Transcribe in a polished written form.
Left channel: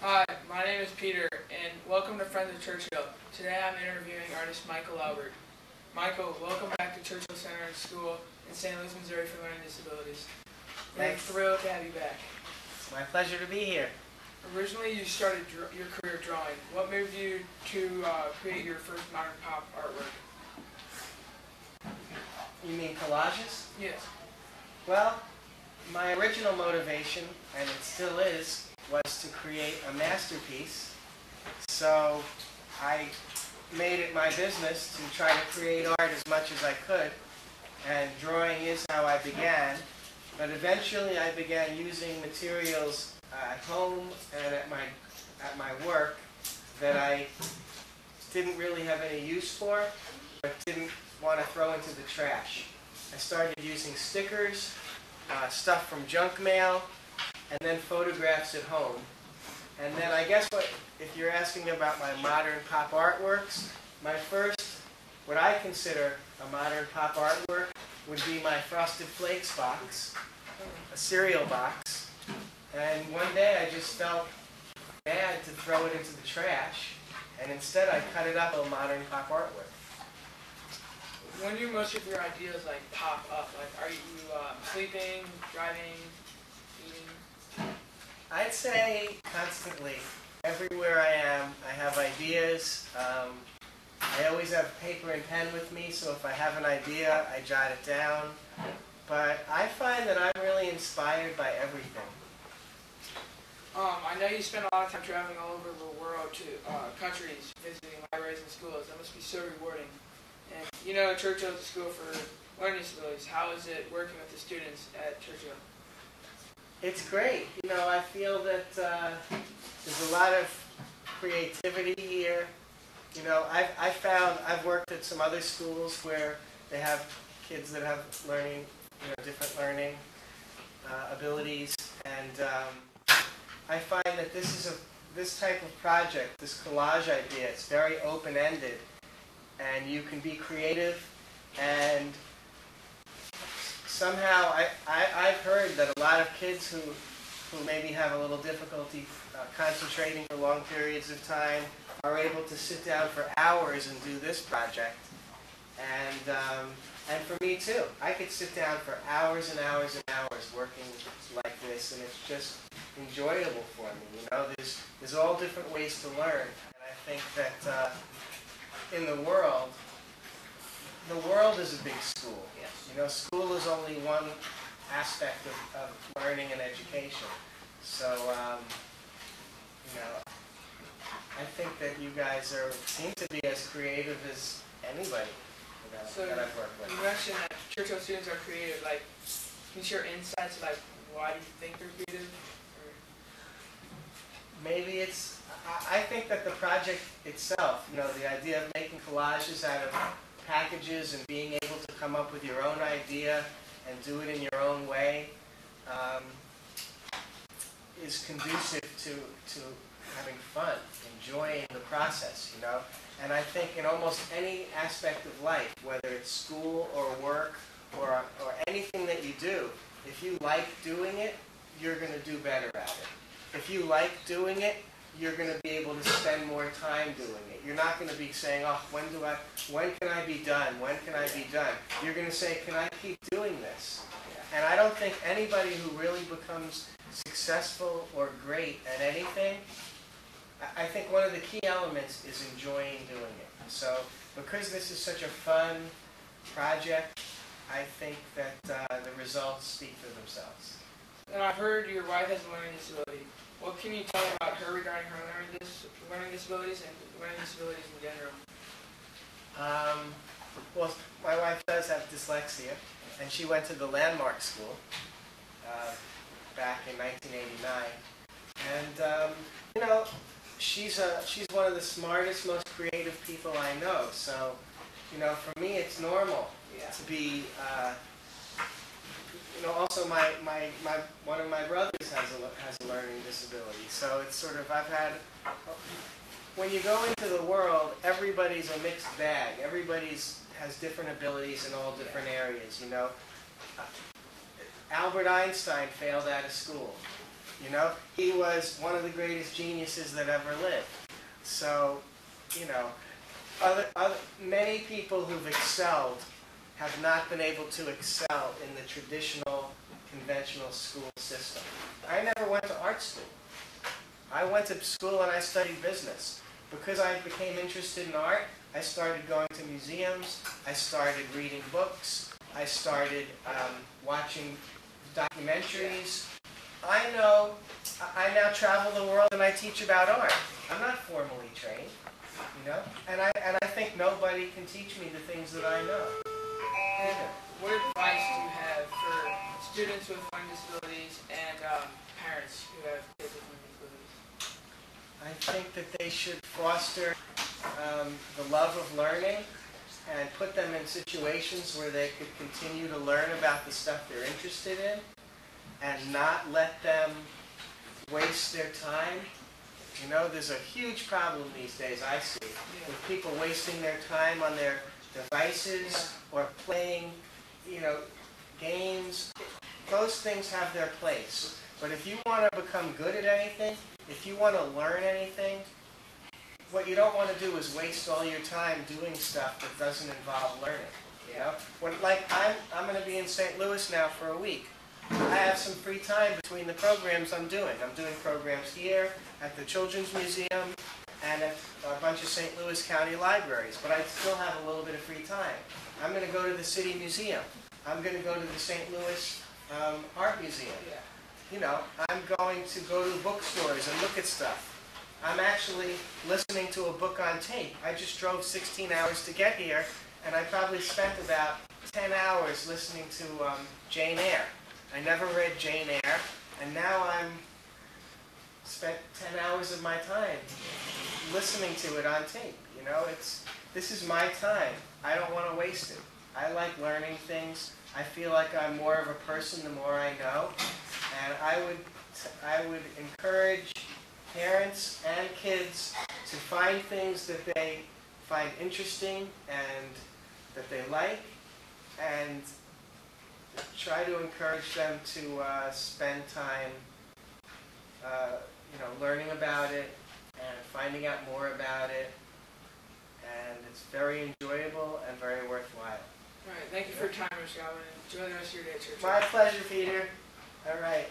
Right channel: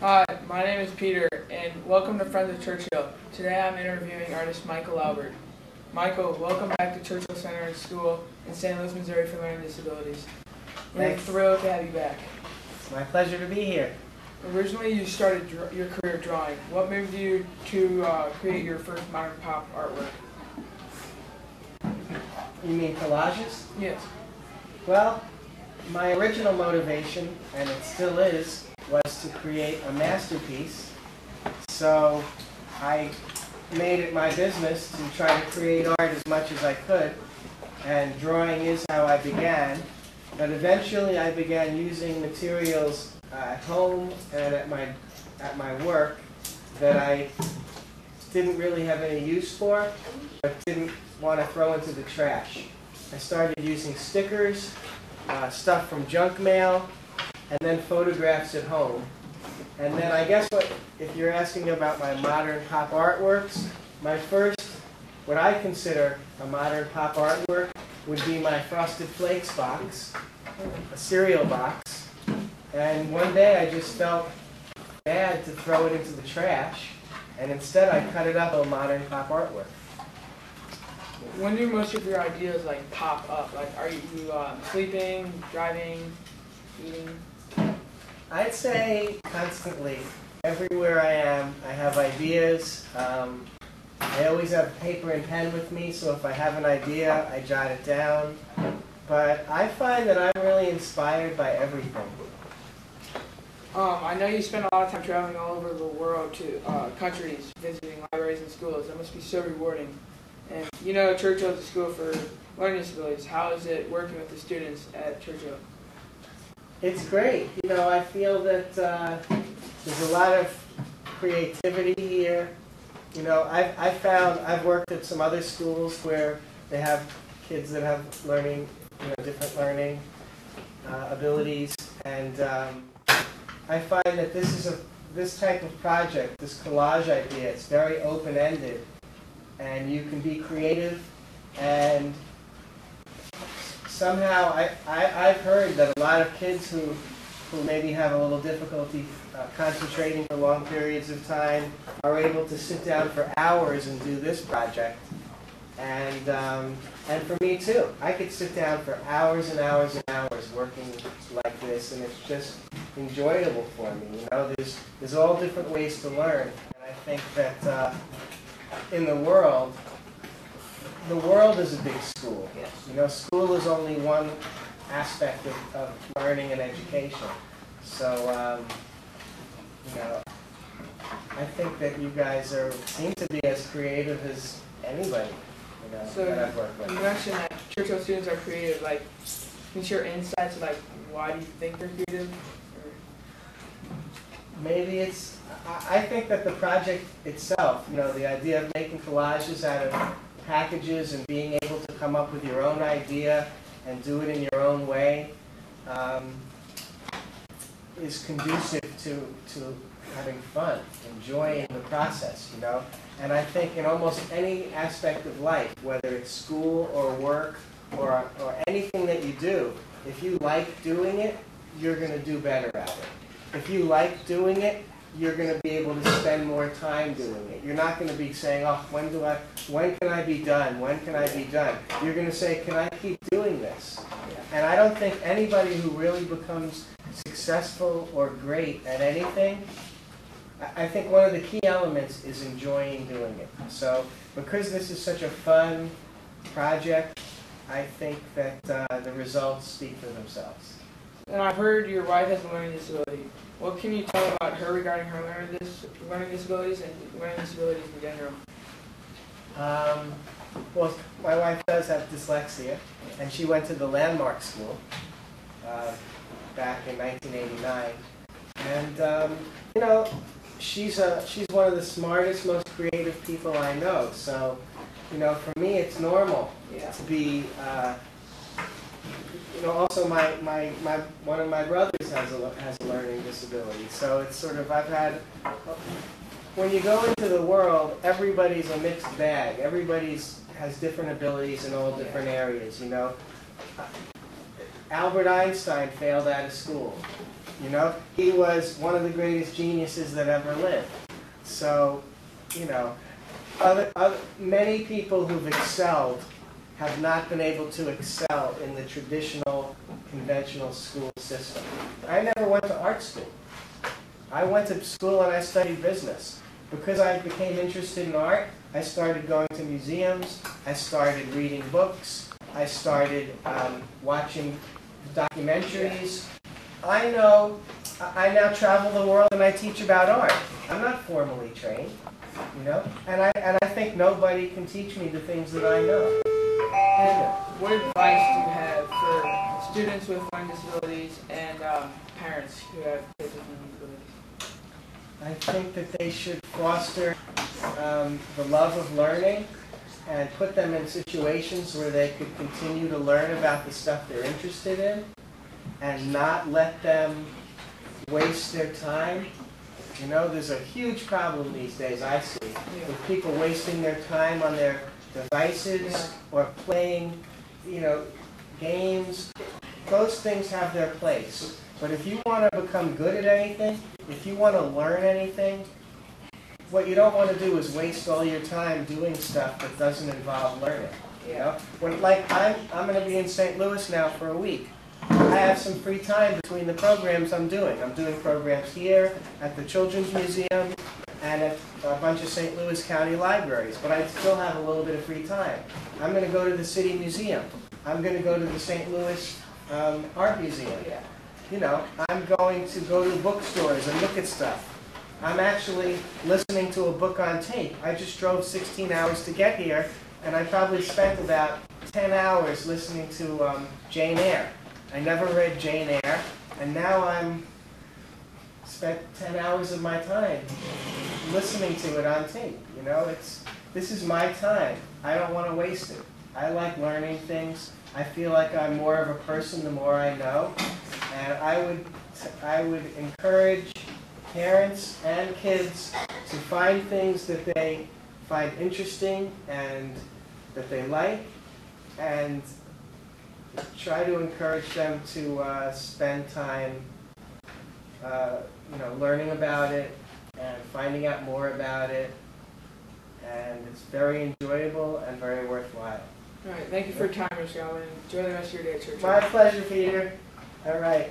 Hi, my name is Peter, and welcome to Friends of Churchill. Today I'm interviewing artist Michael Albert. Michael, welcome back to Churchill Center School in St. Louis, Missouri for Learning Disabilities. We're thrilled to have you back. It's my pleasure to be here. Originally, you started your career drawing. What moved you to create your first modern pop artwork? You mean collages? Yes. Well, my original motivation, and it still is, was to create a masterpiece. So I made it my business to try to create art as much as I could, and drawing is how I began. But eventually I began using materials at home and at my work that I didn't really have any use for, but didn't want to throw into the trash. I started using stickers, stuff from junk mail, and then photographs at home. And then I guess if you're asking about my modern pop artworks, my first, what I consider a modern pop artwork, would be my Frosted Flakes box, a cereal box. And one day I just felt bad to throw it into the trash, and instead I cut it up a modern pop artwork. When do most of your ideas pop up? Are you sleeping, driving, eating? I'd say constantly. Everywhere I am, I have ideas. I always have paper and pen with me, so if I have an idea, I jot it down. But I find that I'm really inspired by everything. I know you spend a lot of time traveling all over the world to countries, visiting libraries and schools. That must be so rewarding. And you know Churchill is a school for learning disabilities. How is it working with the students at Churchill? It's great. You know, I feel that there's a lot of creativity here. You know, I've worked at some other schools where they have kids that have learning, different learning abilities, and I find that this type of project, this collage idea, it's very open-ended, and you can be creative, and somehow I've heard that a lot of kids who maybe have a little difficulty concentrating for long periods of time are able to sit down for hours and do this project. And for me too. I could sit down for hours and hours and hours working like this, and it's just enjoyable for me. You know, there's all different ways to learn, and I think that in the world is a big school. Yes. You know, school is only one aspect of learning and education. So, you know, I think that you guys seem to be as creative as anybody, that I've worked with. You mentioned that Churchill students are creative. Can you share insights of why do you think they're creative? Maybe I think that the project itself, the idea of making collages out of packages and being able to come up with your own idea and do it in your own way, is conducive to having fun, enjoying the process, And I think in almost any aspect of life, whether it's school or work or anything that you do, if you like doing it, you're going to do better at it. If you like doing it, you're going to be able to spend more time doing it. You're not going to be saying, oh, when can I be done? When can I be done? You're going to say, can I keep doing this? And I don't think anybody who really becomes successful or great at anything, I think one of the key elements is enjoying doing it. So because this is such a fun project, I think that the results speak for themselves. And I've heard your wife has a learning disability. What can you tell about her regarding her learning disabilities and learning disabilities in general? Well, my wife does have dyslexia, and she went to the Landmark School back in 1989. And, she's one of the smartest, most creative people I know. So, for me, it's normal to be. Also one of my brothers has a learning disability. So it's sort of when you go into the world, everybody's a mixed bag. Everybody's has different abilities in all different areas. Albert Einstein failed out of school. You know, he was one of the greatest geniuses that ever lived. So, you know, many people who've excelled have not been able to excel in the traditional, conventional school system. I never went to art school. I went to school and I studied business. Because I became interested in art, I started going to museums, I started reading books, I started watching documentaries. I now travel the world and I teach about art. I'm not formally trained, you know, and I think nobody can teach me the things that I know. And what advice do you have for students with learning disabilities and parents who have kids with learning disabilities? I think that they should foster the love of learning and put them in situations where they could continue to learn about the stuff they're interested in and not let them waste their time. You know, there's a huge problem these days, I see, with people wasting their time on their devices or playing, you know, games. Those things have their place. But if you want to become good at anything, if you want to learn anything, what you don't want to do is waste all your time doing stuff that doesn't involve learning. You know, I'm going to be in St. Louis now for a week. I have some free time between the programs I'm doing. I'm doing programs here at the Children's Museum and at a bunch of St. Louis County libraries, but I still have a little bit of free time. I'm going to go to the City Museum. I'm going to go to the St. Louis Art Museum. You know, I'm going to go to bookstores and look at stuff. I'm actually listening to a book on tape. I just drove 16 hours to get here, and I probably spent about 10 hours listening to Jane Eyre. I never read Jane Eyre, and now I'm spent 10 hours of my time listening to it on tape. You know, this is my time. I don't want to waste it. I like learning things. I feel like I'm more of a person the more I know, and I would encourage parents and kids to find things that they find interesting and that they like, and try to encourage them to spend time you know, learning about it and finding out more about it, and it's very enjoyable and very worthwhile. All right, thank you for your time, Mr. Alvin. Enjoy the rest of your day at church. My pleasure, Peter. All right.